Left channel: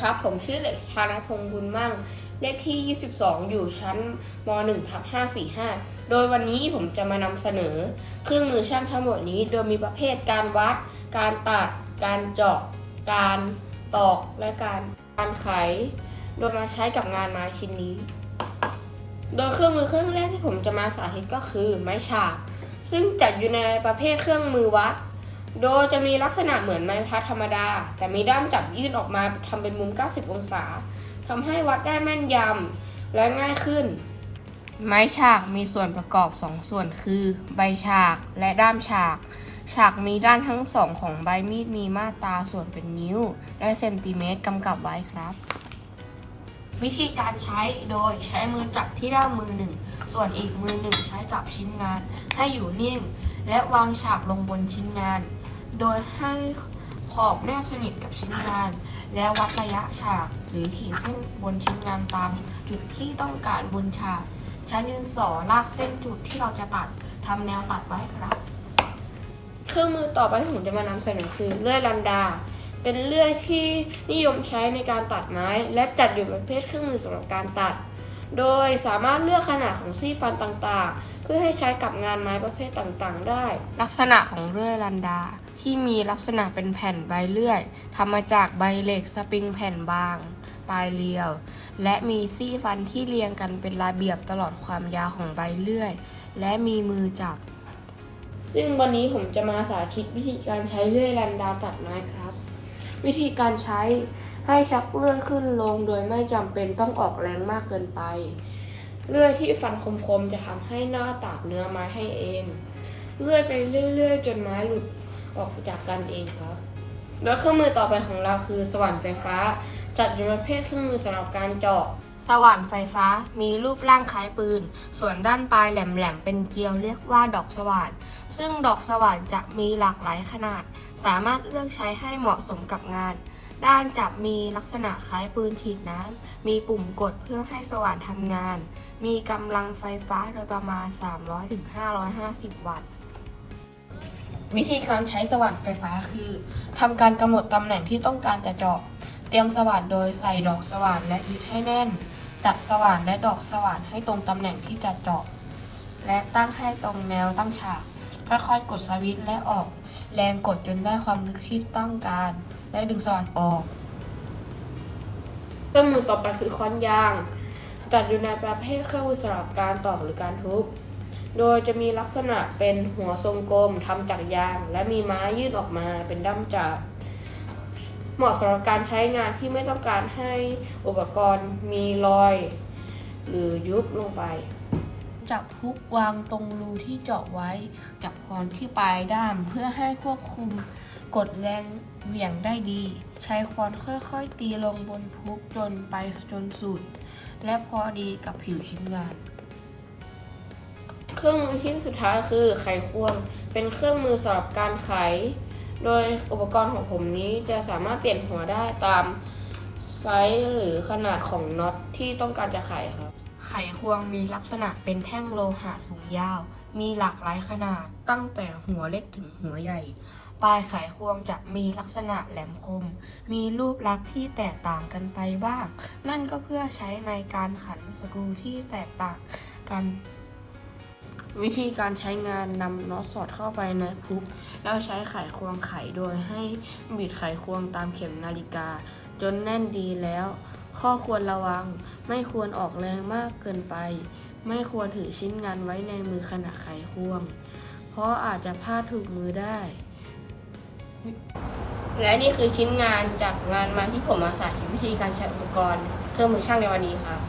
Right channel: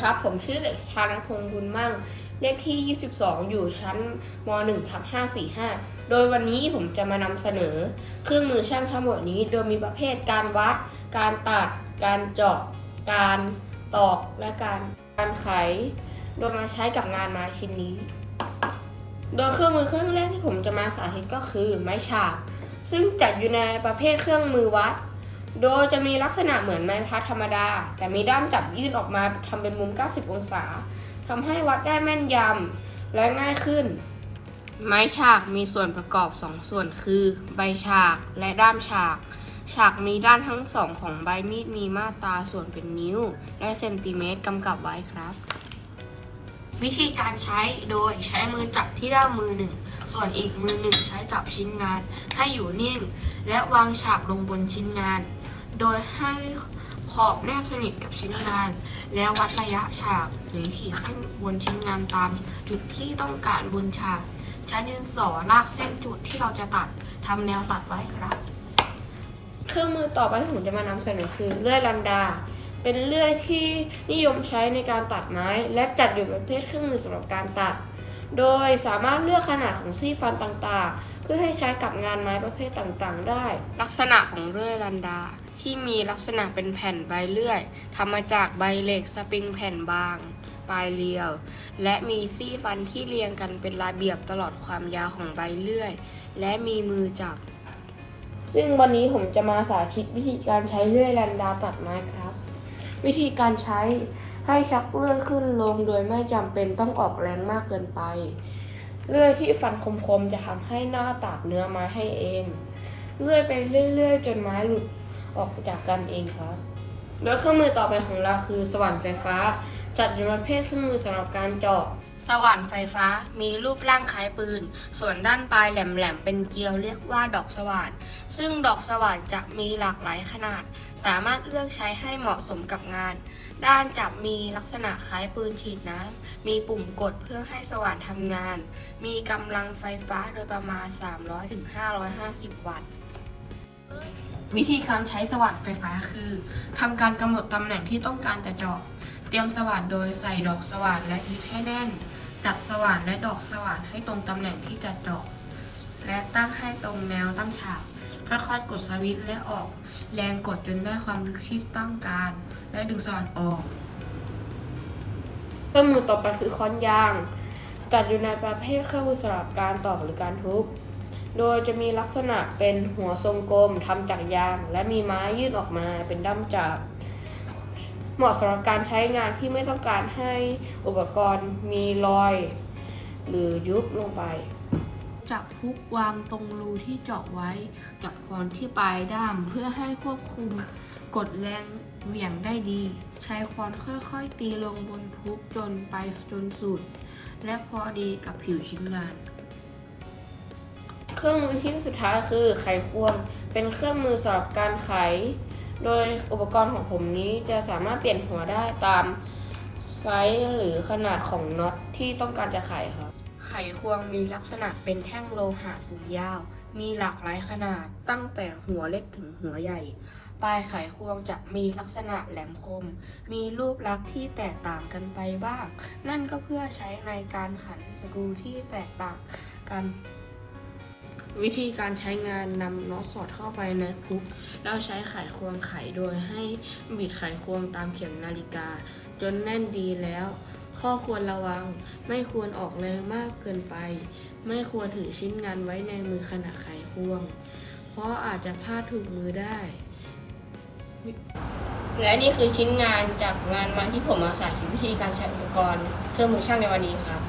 ครับ ผมชื่อเด็กชานพงษ์บุญมั่ง เลขที่ 22 อยู่ชั้นม1ทับ545 โดยวันนี้ผมจะมานำเสนอ เครื่องมือช่างทั้งหมดนี้ โดยมีประเภทการวัด การตัด การเจาะ การตอก และการการไข โดยมาใช้กับงานไม้ชิ้นนี้ โดยเครื่องมือเครื่องแรกที่ผมจะมาสาธิตก็คือไม้ฉาก ซึ่งจัดอยู่ในประเภทเครื่องมือวัด โดยจะมีลักษณะเหมือนไม้พัดธรรมดา แต่มีด้ามจับยื่นออกมาทำเป็นมุม 90 องศาทำให้วัดได้แม่นยำและง่ายขึ้น ไม้ฉากมีส่วนประกอบ 2 ส่วนคือ ใบฉากและด้ามฉาก ฉากมีด้านทั้งสองของใบมีดมีมาตราส่วนเป็นนิ้ว และเซนติเมตรกำกับไว้ครับ วิธีการใช้โดยใช้มือจับที่ด้ามมือหนึ่งส่วนอีกมือหนึ่งใช้จับชิ้นงานให้อยู่นิ่ง และวางฉากลงบนชิ้นงาน โดยให้ขอบแนบสนิทกับชิ้นงาน แล้ววัดระยะฉาก หรือขีดเส้นบนชิ้นงานตาม จุดที่ต้องการบนฉาก ใช้ดินสอลากเส้นจุดที่เราจะตัดทำแนวตัดไว้ครับ เครื่องมือต่อไปที่ผมจะมานำเสนอคือเลื่อยลันดา เป็นเลื่อยที่นิยมใช้ในการตัดไม้ และจัดอยู่ในประเภทเครื่องมือสำหรับการตัด โดยสามารถเลือกขนาดของซี่ฟันต่างๆ เพื่อให้ใช้กับงานไม้ประเภทต่างๆ ได้ ลักษณะของเลื่อยลันดา ที่มีลักษณะเป็นแผ่นใบเลื่อยทำมาจากใบเหล็กสปริงแผ่นบาง ปลายเรียว และมีซี่ฟันที่เรียงกันเป็นระเบียบตลอดความยาวของใบเลื่อย และมีมือจับ ซึ่งวันนี้ผมจะมาสาธิตวิธีการใช้เลื่อยลันดาตัดไม้ครับ วิธีการใช้ ให้ชักเลื่อยขึ้นลงโดยไม่จำเป็นต้องออกแรงมากเกินไป เลื่อยที่ฟันคมๆจะทำให้หน้าตากเนื้อไม้ให้เองเลื่อยไปเรื่อยๆ จนไม้หลุดออกจากกันเองครับ แล้วเครื่องมือต่อไปของเราคือสว่านไฟฟ้า จัดอยู่ในประเภทเครื่องมือสำหรับการเจาะ สว่านไฟฟ้ามีรูปร่างคล้ายปืน ส่วนด้านปลายแหลมๆเป็นเกลียวเรียกว่าดอกสว่าน ซึ่งดอกสว่านจะมีหลากหลายขนาด สามารถเลือกใช้ให้เหมาะสมกับงาน ด้านจับมีลักษณะคล้ายปืนฉีดน้ำ มีปุ่มกดเพื่อให้สว่านทำงาน มีกำลังไฟฟ้าโดยประมาณ 300-550 วัตต์วิธีการใช้สว่านไฟฟ้าคือทำการกำหนดตำแหน่งที่ต้องการจะเจาะ เตรียมสว่านโดยใส่ดอกสว่านและยึดให้แน่น จัดสว่านและดอกสว่านให้ตรงตำแหน่งที่จะเจาะและตั้งให้ตรงแนวตั้งฉากค่อยๆกดสวิตช์และออก แรงกดจนได้ความลึกที่ต้องการ และดึงสว่านออกเครื่องมือต่อไปคือค้อนยาง จัดอยู่ในประเภทเครื่องมือสำหรับการตอกหรือการทุบ โดยจะมีลักษณะเป็นหัวทรงกลมทำจากยาง และมีไม้ยื่นออกมาเป็นด้ามจับ เหมาะสำหรับการใช้งานที่ไม่ต้องการให้อุปกรณ์มีรอย หรือยุบลงไป จับพุกวางตรงรูที่เจาะไว้ จับคอนที่ปลายด้ามเพื่อให้ควบคุมกดแรงเหวี่ยงได้ดี ใช้คอนค่อยๆ ตีลงบนพุกจนไปจนสุด และพอดีกับผิวชิ้นงานเครื่องมือชิ้นสุดท้ายคือไขควง เป็นเครื่องมือสำหรับการไข โดยอุปกรณ์ของผมนี้จะสามารถเปลี่ยนหัวได้ตามไซส์หรือขนาดของน็อตที่ต้องการจะไขครับ ไขควงมีลักษณะเป็นแท่งโลหะสูงยาว มีหลากหลายขนาดตั้งแต่หัวเล็กถึงหัวใหญ่ ปลายไขควงจะมีลักษณะแหลมคม มีรูปลักษณ์ที่แตกต่างกันไปบ้าง นั่นก็เพื่อใช้ในการขันสกรูที่แตกต่างกัน วิธีการใช้งานนำน็อตสอดเข้าไปในพุกแล้วใช้ไขควงไขโดยให้บิดไขควงตามเข็มนาฬิกา จนแน่นดีแล้ว ข้อควรระวัง ไม่ควรออกแรงมากเกินไป ไม่ควรถือชิ้นงานไว้ในมือขณะไขควง เพราะอาจจะพลาดถูกมือได้ และนี่คือชิ้นงานจากงานมาที่ผมมาสาธิตวิธีการใช้อุปกรณ์ เครื่องมือช่างในวันนี้ครับ